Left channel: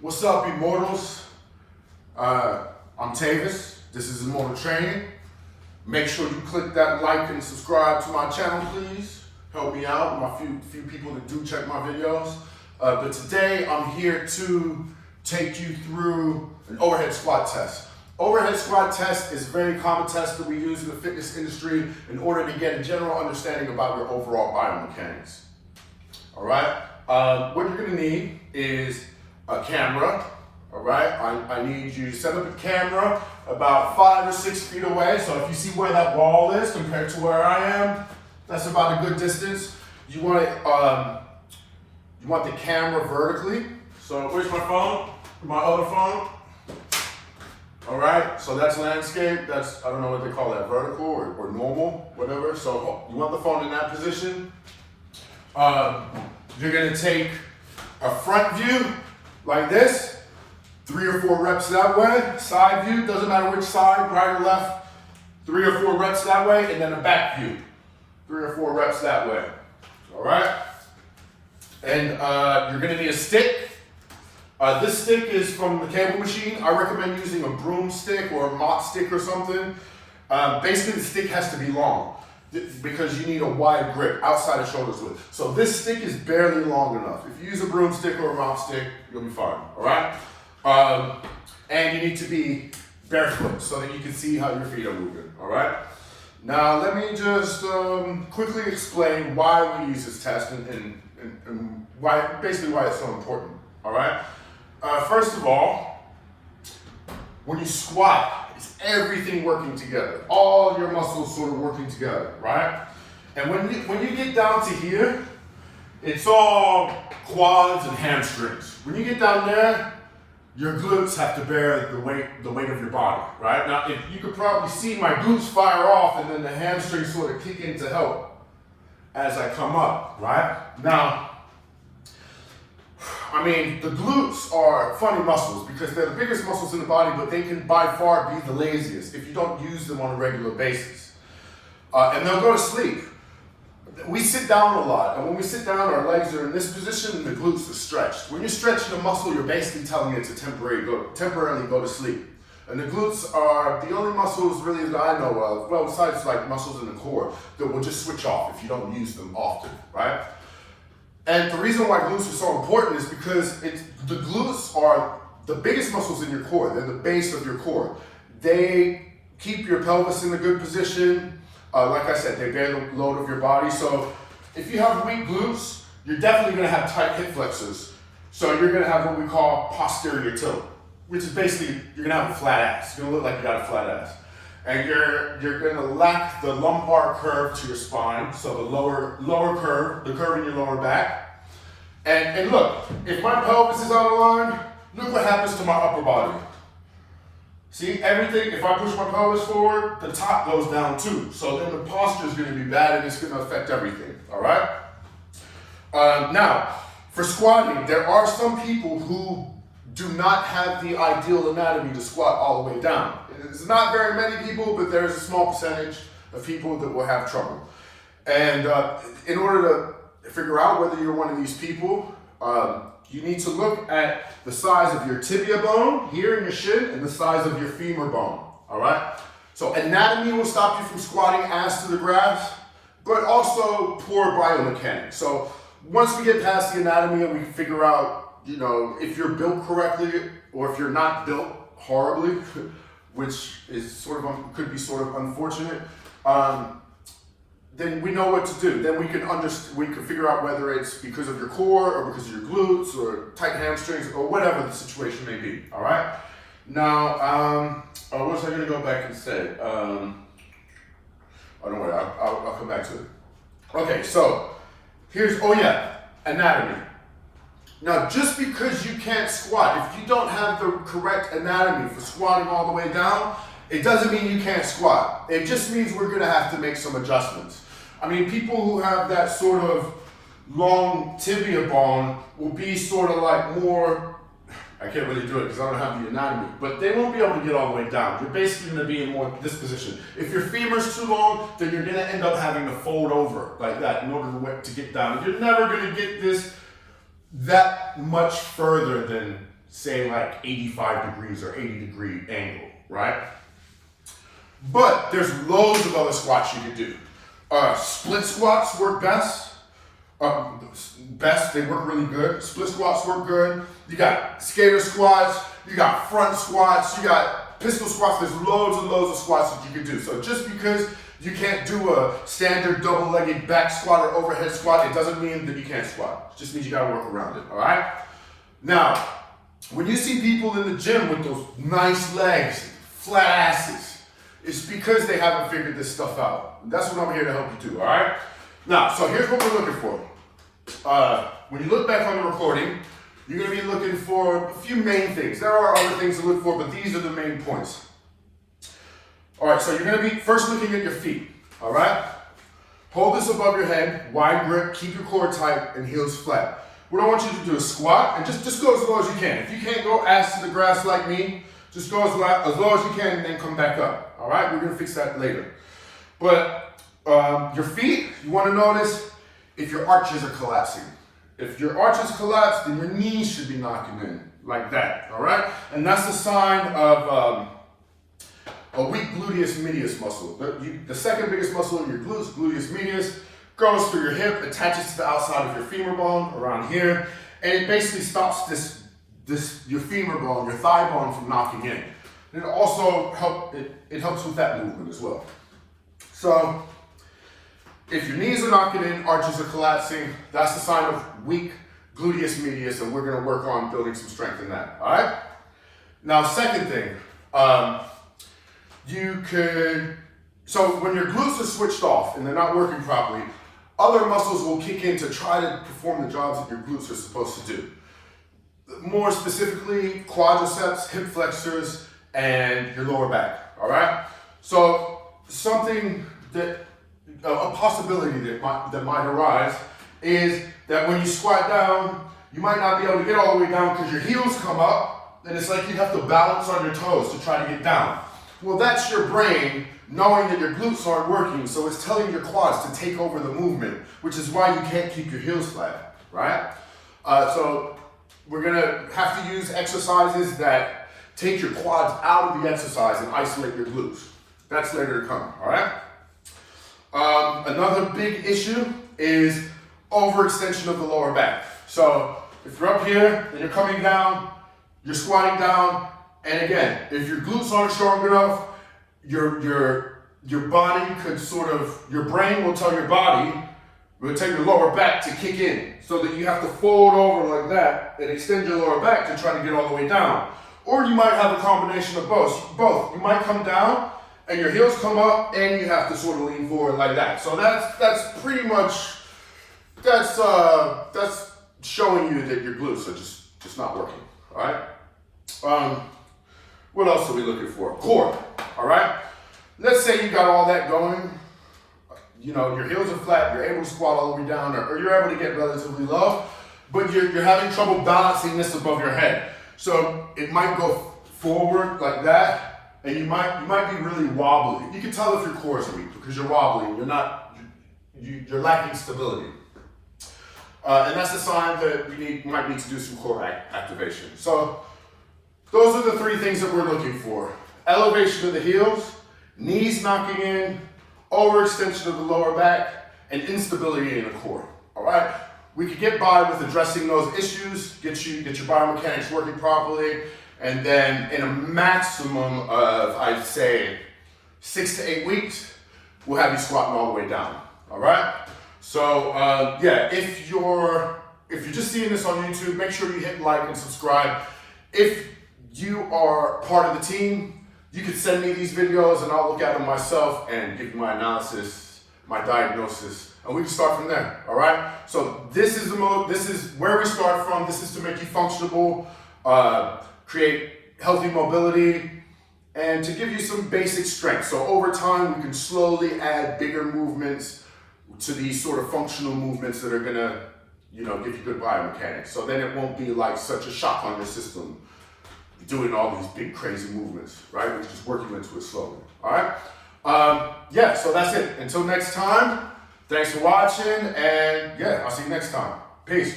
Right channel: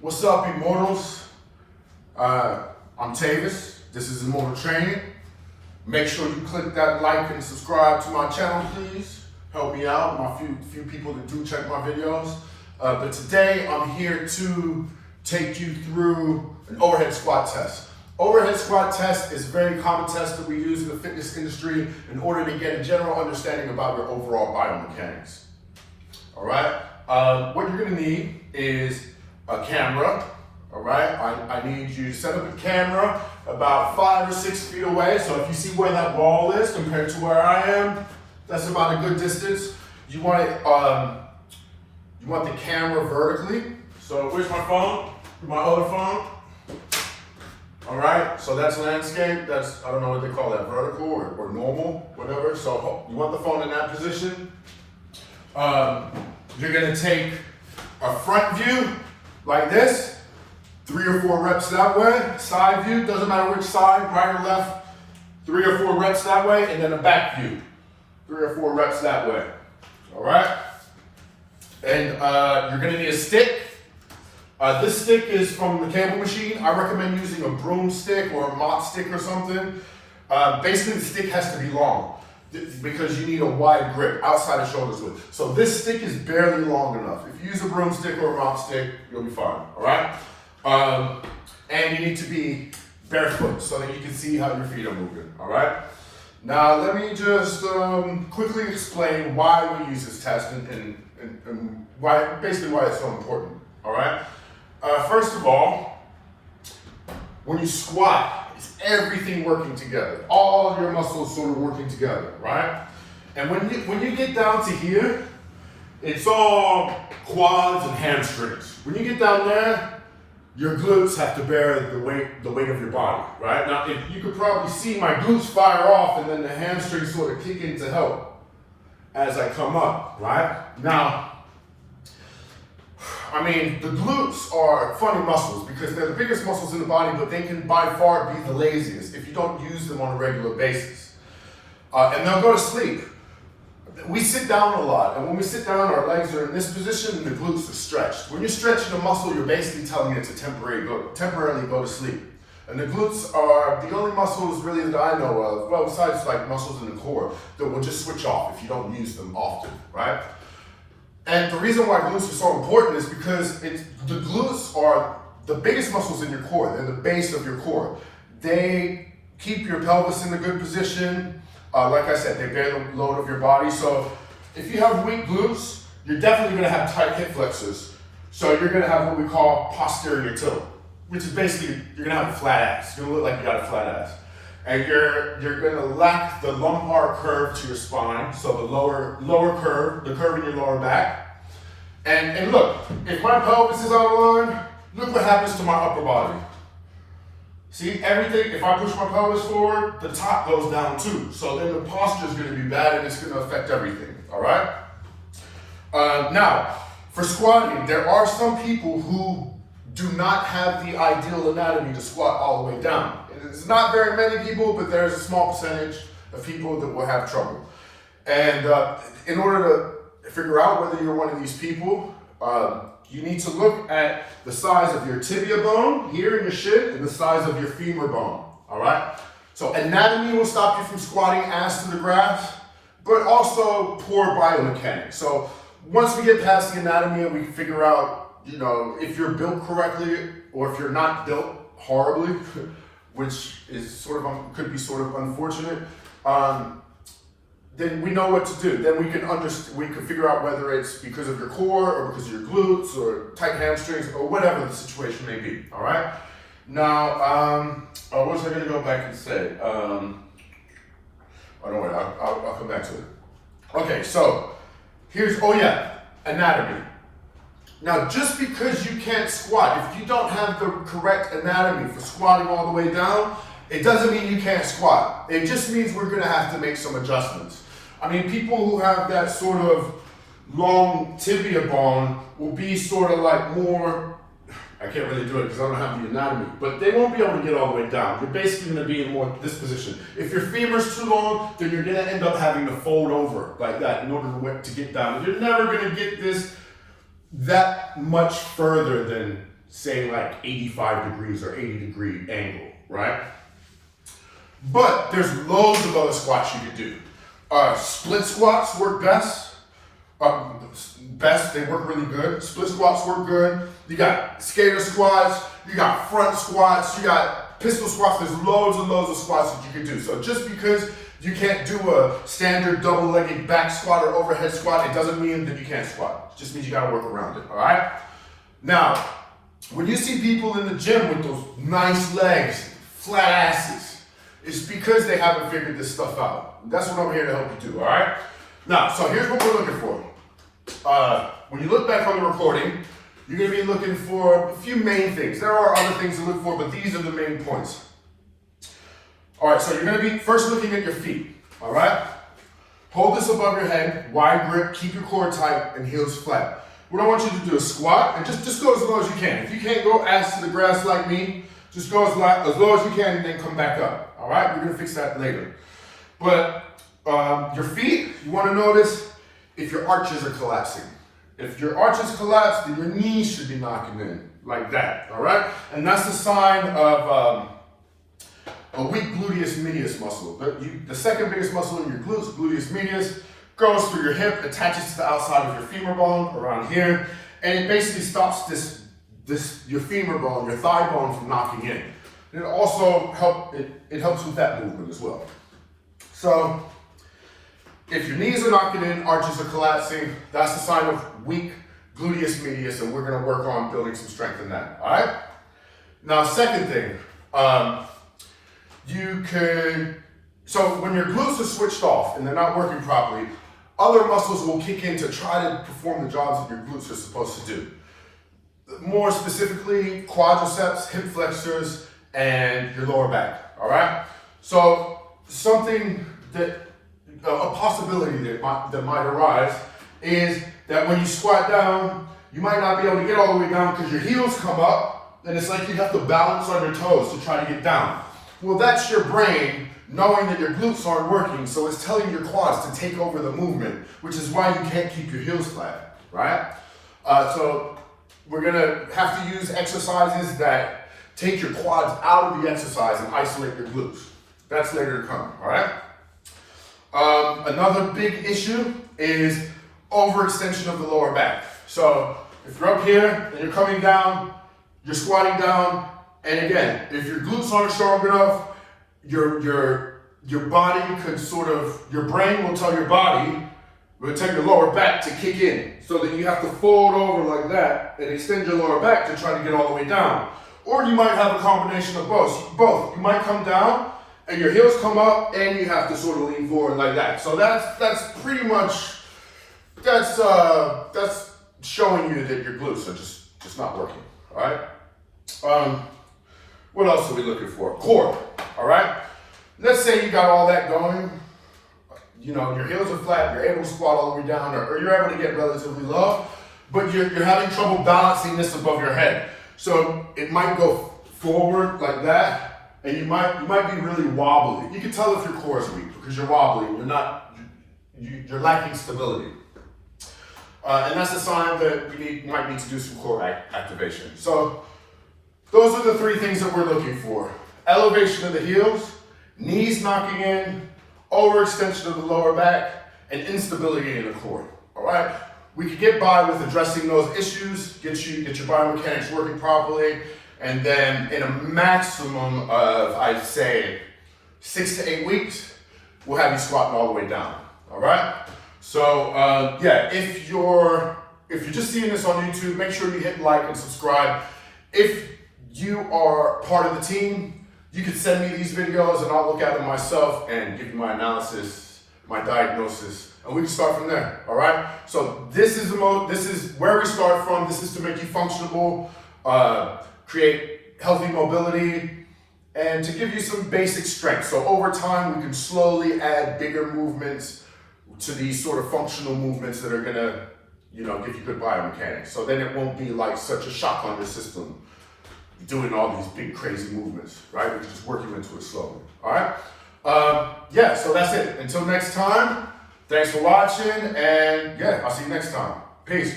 What's up, Immortals? I'm Tavis. This is Immortal Training. Make sure you click that like and subscribe to my channel, please. Help me out, my few people that do check my videos. But today I'm here to take you through an overhead squat test. Overhead squat test is a very common test that we use in the fitness industry in order to get a general understanding about your overall biomechanics. All right, what you're gonna need is a camera. All right, I need you to set up a camera about 5 or 6 feet away. So if you see where that wall is compared to where I am, that's about a good distance. You want it, you want the camera vertically. So where's my phone? My other phone. All right, so that's landscape. That's, I don't know what they call that, vertical or normal, whatever. So you want the phone in that position. You're gonna take a front view like this, 3 or 4 reps that way. Side view, doesn't matter which side, right or left, 3 or 4 reps that way, and then a back view, 3 or 4 reps that way. All right? And you're gonna need a stick. This stick is from the cable machine. I recommend using a broomstick or a mop stick or something. Basically, the stick has to be long because you need a wide grip outside of shoulders width. So this stick is barely long enough. If you use a broomstick or a mop stick, you'll be fine, all right? And you need to be barefoot so that you can see how your feet are moving, all right? Now, let me just quickly explain why we use this test and why, basically why it's so important, all right? First of all, when you squat, it's everything working together. All of your muscles sort of working together, right? And when you get down to here, it's all quads and hamstrings. When you get down there, your glutes have to bear the weight of your body, right? Now, if you could probably see my glutes fire off and then the hamstrings sort of kick in to help as I come up, right? Now, I mean, the glutes are funny muscles because they're the biggest muscles in the body, but they can by far be the laziest if you don't use them on a regular basis. And they'll go to sleep. We sit down a lot, and when we sit down, our legs are in this position and the glutes are stretched. When you're stretching a muscle, you're basically telling it to temporarily go to sleep. And the glutes are the only muscles really that I know of, well, besides like muscles in the core, that will just switch off if you don't use them often, right? And the reason why glutes are so important is because the glutes are the biggest muscles in your core. They're the base of your core. They keep your pelvis in a good position. Like I said, they bear the load of your body. So if you have weak glutes, you're definitely gonna have tight hip flexors. So you're gonna have what we call posterior tilt, which is basically, you're gonna have a flat ass. You're gonna look like you got a flat ass. And you're gonna lack the lumbar curve to your spine, so the lower curve, the curve in your lower back. And look, if my pelvis is out of line, look what happens to my upper body. See, everything, if I push my pelvis forward, the top goes down too. So then the posture is gonna be bad and it's gonna affect everything, all right? Now, for squatting, there are some people who do not have the ideal anatomy to squat all the way down. It's not very many people, but there's a small percentage of people that will have trouble. And in order to figure out whether you're one of these people, you need to look at the size of your tibia bone here in your shin and the size of your femur bone, all right? So anatomy will stop you from squatting ass to the grass, but also poor biomechanics. So once we get past the anatomy and we figure out, you know, if you're built correctly or if you're not built horribly, which is sort of could be sort of unfortunate, then we know what to do. Then we can figure out whether it's because of your core or because of your glutes or tight hamstrings or whatever the situation may be. All right. Now, what was I going to go back and say? Oh, don't worry, I'll come back to it. Okay, so here's anatomy. Now, just because you can't squat, if you don't have the correct anatomy for squatting all the way down, it doesn't mean you can't squat. It just means we're gonna have to make some adjustments. I mean, people who have that sort of long tibia bone will be sort of like more, I can't really do it because I don't have the anatomy, but they won't be able to get all the way down. You're basically gonna be in more this position. If your femur's too long, then you're gonna end up having to fold over like that in order to get down. You're never gonna get this that much further than say like 85 degrees or 80-degree angle, right? But there's loads of other squats you can do. Split squats work best. They work really good. Split squats work good. You got skater squats, you got front squats, you got pistol squats. There's loads and loads of squats that you can do. So just because you can't do a standard double-legged back squat or overhead squat, it doesn't mean that you can't squat. It just means you gotta work around it, all right? Now, when you see people in the gym with those nice legs, flat asses, it's because they haven't figured this stuff out. That's what I'm here to help you do, all right? Now, so here's what we're looking for. When you look back on the recording, you're gonna be looking for a few main things. There are other things to look for, but these are the main points. All right, so you're gonna be first looking at your feet, all right? Hold this above your head, wide grip, keep your core tight and heels flat. What I want you to do is squat and just go as low as you can. If you can't go ass to the grass like me, just go as low as you can and then come back up, all right? We're gonna fix that later. But your feet, you wanna notice if your arches are collapsing. If your arches collapse, then your knees should be knocking in like that, all right? And that's a sign of a weak gluteus medius muscle. The second biggest muscle in your glutes, gluteus medius, goes through your hip, attaches to the outside of your femur bone around here, and it basically stops your femur bone, your thigh bone from knocking in. And it also helps with that movement as well. So if your knees are knocking in, arches are collapsing, that's a sign of weak gluteus medius, and we're gonna work on building some strength in that, all right? Now, second thing, so when your glutes are switched off and they're not working properly, other muscles will kick in to try to perform the jobs that your glutes are supposed to do. More specifically, quadriceps, hip flexors, and your lower back, all right? So something a possibility that might arise is that when you squat down, you might not be able to get all the way down because your heels come up, and it's like you have to balance on your toes to try to get down. Well, that's your brain knowing that your glutes aren't working, so it's telling your quads to take over the movement, which is why you can't keep your heels flat, right? So we're gonna have to use exercises that take your quads out of the exercise and isolate your glutes. That's later to come, all right? Another big issue is overextension of the lower back. So if you're up here and you're coming down, you're squatting down, and again, if your glutes aren't strong enough, your body could your brain will tell your body, will tell your lower back to kick in, so that you have to fold over like that and extend your lower back to try to get all the way down. Or you might have a combination of both. You might come down and your heels come up and you have to sort of lean forward like that. So that's pretty much, that's showing you that your glutes are just not working, all right? What else are we looking for? Core, all right? Let's say you got all that going, you know, your heels are flat, you're able to squat all the way down, or you're able to get relatively low, but you're having trouble balancing this above your head. So it might go forward like that, and you might be really wobbly. You can tell if your core is weak because you're wobbly, you're lacking stability. And that's a sign that you might need to do some core activation. So those are the three things that we're looking for. Elevation of the heels, knees knocking in, overextension of the lower back, and instability in the core, all right? We could get by with addressing those issues, get your biomechanics working properly, and then in a maximum of, I'd say, 6 to 8 weeks, we'll have you squatting all the way down, all right? So, yeah, if you're just seeing this on YouTube, make sure you hit like and subscribe. If you are part of the team, you can send me these videos and I'll look at them myself and give you my analysis, my diagnosis, and we can start from there, all right? So this is where we start from. This is to make you functional, create healthy mobility, and to give you some basic strength. So over time, we can slowly add bigger movements to these sort of functional movements that are gonna, give you good biomechanics. So then it won't be like such a shock on your system doing all these big crazy movements, right? We can just work you into it slowly, all right? Yeah, so that's it. Until next time, thanks for watching, and yeah, I'll see you next time. Peace.